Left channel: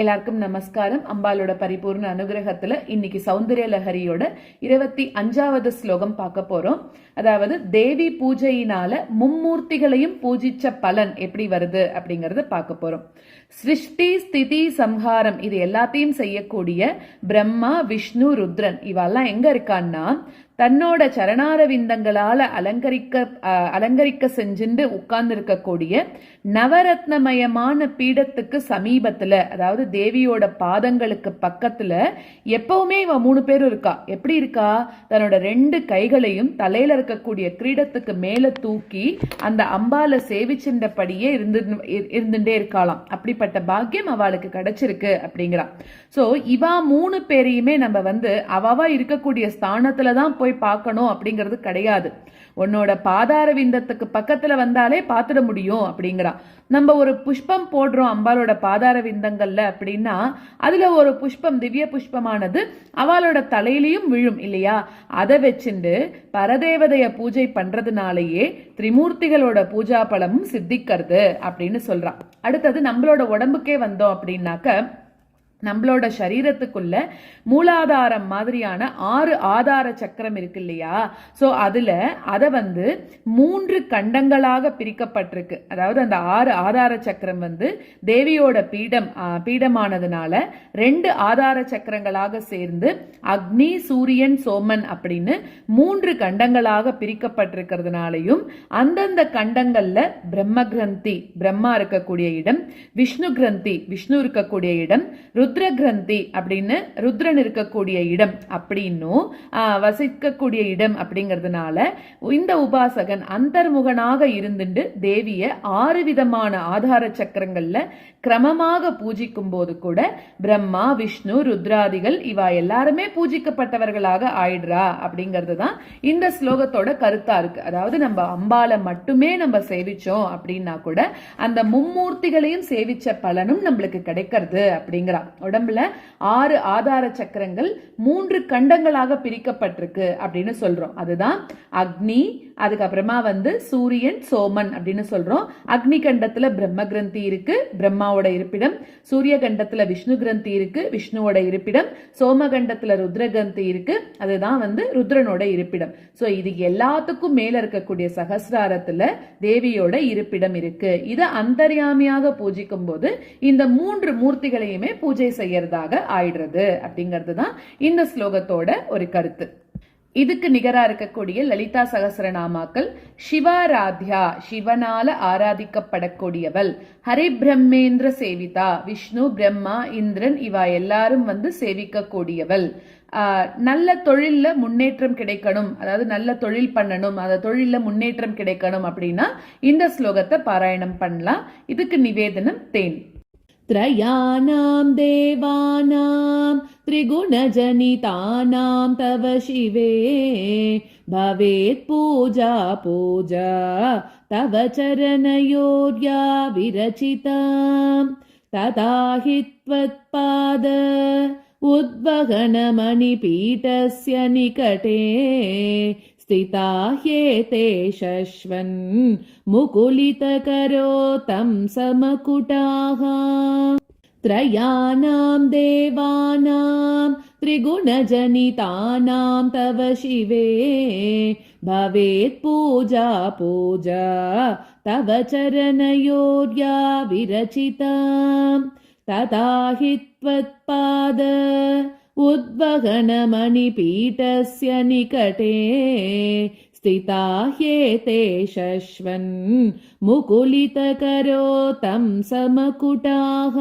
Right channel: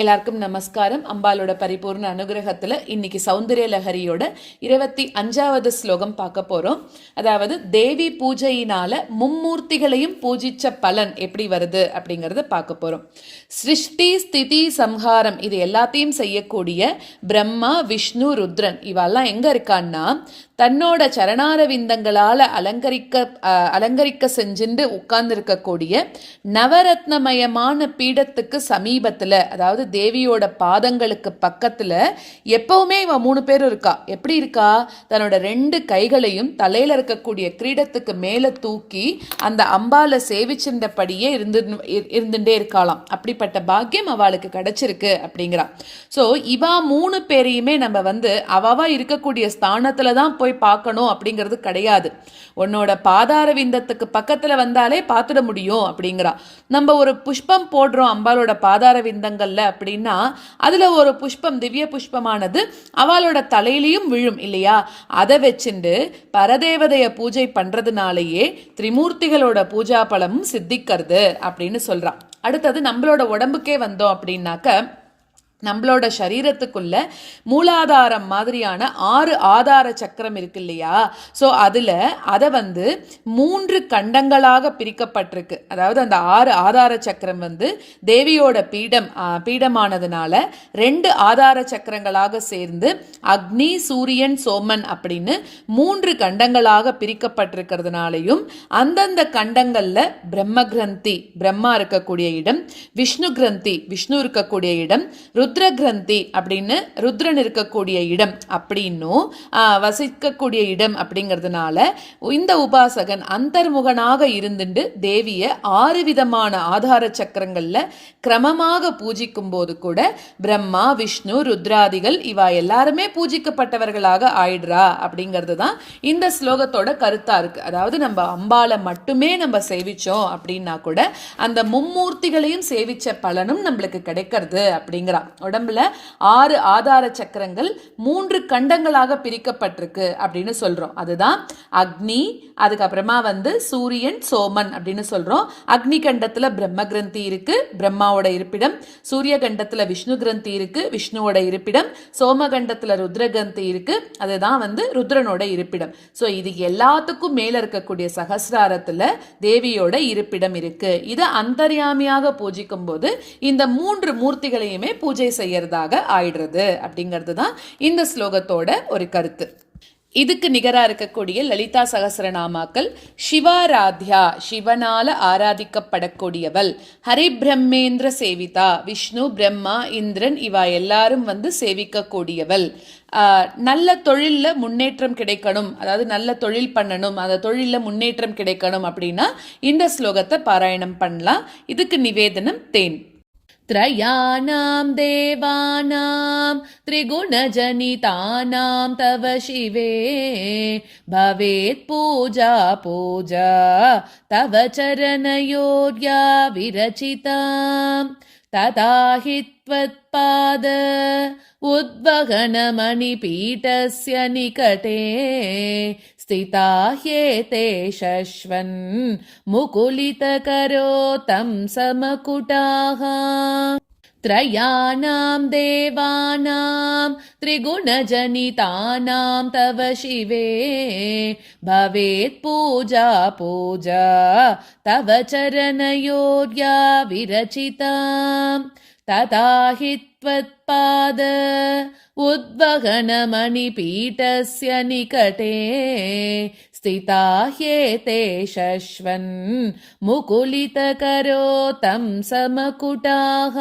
எல்லாருக்கும் நமஸ்காரம். அம்பாலோட பரிபூர்ண அனுகிரகத்துல இன்னைக்கு சௌந்தர்ய லஹரியோட 25வது ஸ்லோகம் பார்க்க போறோம். அதாவது தேவி பூஜையினால மும்மூர்த்திகளையும் பூஜிச்ச பலன் எப்படி வருது அப்படிங்கறத பார்க்க போறோம். சிருஷ்டி ஸ்திதி சம்ஹாரம் இது எல்லாத்தையும் செய்யக்கூடிய பிரம்மா விஷ்ணு ருத்ரன் இவெல்லாம் எங்க இருக்கான்னா தன்னோட சரணாரவிந்தங்களால அலங்கரிக்க செஞ்சுட்டு உட்கார்ந்து இருக்கக்கூடிய நவரத்னமயமான பீடத்துக்கு சமீபத்துல, அதாவது தேவியோட பாதங்களுக்கு பக்கத்துல எப்பவுமே இவ 3 பேரும் இருக்கா. எப்படி இருக்கா? தன்னோட 2 கைகளையும் தலையில இருக்கக்கூடிய கிரீடத்துக்கு மேல தூக்கி அந்த அம்பால சேவிச்சின்றபடியே இருந்துட்டே இருக்காளாம். அப்படிப்பட்ட பாக்கியம் அவளுக்கு கிடைச்சிருக்கு அப்படிங்கிறா. சோ இவா 3 பேரையுமே நம்ம அவவா இருக்கக்கூடிய ஸ்தானத்துல தான் போய் பார்க்கணும் அப்படிங்கிறது கிடையாது. உன்னோட பாதார விந்தத்துக்கு பக்கத்துல வந்தாலே பார்த்துட முடியும் அப்படிங்கிறா. நம்ம ஒரு புஷ்பம் போடுறோம் அம்பாலோட பாதார விந்தங்கள்ல அப்படின்னா அதுல ஒரு புஷ்பம், திவ்ய புஷ்பமானது அவளோட தலையிலையும் விழும் இல்லையா? அதை வச்சுண்டு பரதேவதைய பூஜை பண்றதுனாலேயே திரிமூர்த்திகளோட பூஜா பலமும் சித்திக்கிறது அப்படின்னு சொல்றா. அடுத்தது நம்மளோட உடம்புக்கே வந்தோம் அப்படின்னாக்க நம்மளோட சரீரத்துக்குள்ள மூலாதாரம் மாதிரியான 6 ஆதார சக்கரம் இருக்கு இல்லையா? ஸோ அதில் அதை 3 கண்டங்களாக பிரிக்கப்பட்டிருக்கு. அதாவது அந்த 6 ஆதார சக்கரம் தேவியோட பீடமானதுனால 2 ஆதார சக்கரங்களாக சேர்ந்து அக்னி சூரியன் சோமன் அப்படின்னு 3 கண்டங்களாக பிரிக்கப்பட்டிருக்கிறதுனாலையும் அந்தந்த கண்டங்கள்ல பிரம்ம கிரந்தி பிரம்மா இருக்கக்கூடிய இடம், விஷ்ணு கிரந்தி விஷ்ணு இருக்கக்கூடிய இடம், ருத்ர கிரந்தி அப்படின்னு ருத்ரன் இருக்கக்கூடிய இடம் அப்படின்னும் வசிக்கக்கூடிய இடம் அப்படிங்கிறதுனால இந்த உபாசகன் அந்தர்முகனாக இருந்துட்டு தேவிய 6 விதமான ஆதார சக்கரங்கள்ல கிரமமாக பூஜிக்கும் போது கூட பிரம்மா விஷ்ணு ருத்ராதிகள் இவா எல்லாருமே பூஜிக்கப்பட்டவர்களாக ஆயிடுறா அப்படிங்கிறது தான் இந்த ஸ்லோகத்தோட கருத்தா இருக்கு. அதாவது நம்ம அம்பால மட்டுமே நம்ம சேவிச்சோம் அப்படின்னா கூட அந்த மும்மூர்த்திகளையும் சேவிச்ச பலனும் நம்மளுக்கு கிடைக்கிறது அப்படிங்கிறா. உடம்புல 6 ஆதார சக்கரங்கள் 3 கண்டங்களாக பிரிக்கப்பட்டிருக்கு அப்படின்னு சொல்றோம். அதுதான் அக்னி, அதுக்கப்புறமா சூரியன் சோமன் அப்படின்னு சொல்றோம். அக்னி கண்டத்துல பிரம்ம கிரந்தி இருக்கு, பிரம்மாவோட இருப்பிடம். சூரிய கண்டத்துல விஷ்ணு கிரந்தி இருக்கு, விஷ்ணுவோட இருப்பிடம். சோம கண்டத்துல ருத்ர கிரந்தி இருக்கு, அதுதான் ருத்ரனோட இருப்பிடம். ஸோ இது எல்லாத்துக்கும் மேல இருக்கக்கூடிய சகசிராரத்துல தேவியோட இருப்பிடம் இருக்கு. இதை அந்தர்யாமியாக பூஜிக்கும் போது இந்த 3 மூர்த்திகளையுமே பூஜை செய்யறதாக ஆயிடுறது அப்படிங்கிறது தான் இந்த ஸ்லோகத்தோட ஒரு கருத்து. இதுக்கு நிகரா இருக்கக்கூடிய லலிதா சகசரநாமாக்கள் சிவாராத்யா, சிவனால ஆராதிக்கப்படக்கூடியவள், ஹரிபிரம்மேந்திர சேவிதா, விஷ்ணு பிரம்மா இந்திரன் இவா எல்லாரும் சேவிக்கக்கூடியவள், நல்ல தொழில்ல முன்னேற்றம் கிடைக்கணும், அதாவது நல்ல தொழில் பண்ணணும், அந்த தொழில்ல முன்னேற்றம் கிடைக்கணும் அப்படின்னா இந்த ஸ்லோகத்தை பாராயணம் பண்ணலாம். இதுக்கு நிவேதனம் தேன். त्रयाणां देवानां त्रिगुणजनितानां तव शिवे भवेत् पूजा पूजा तव चरणयोर्या विरचिता तथा हि त्वत्पाद उद्वहनमणिपीठस्य निकटे स्थिता ह्येते शश्वन् मुकुलितकरो तं समकुटाः. त्रयाणां देवानां त्रिगुणजनितानां तव शिवे भवेत् पूजा पूजा तव चरणयोर्या विरचिता तथा हि त्वत्पाद उद्वहनमणिपीठस्य निकटे स्थिता ह्येते शश्वन् मुकुलितकरो तं समकुटाः.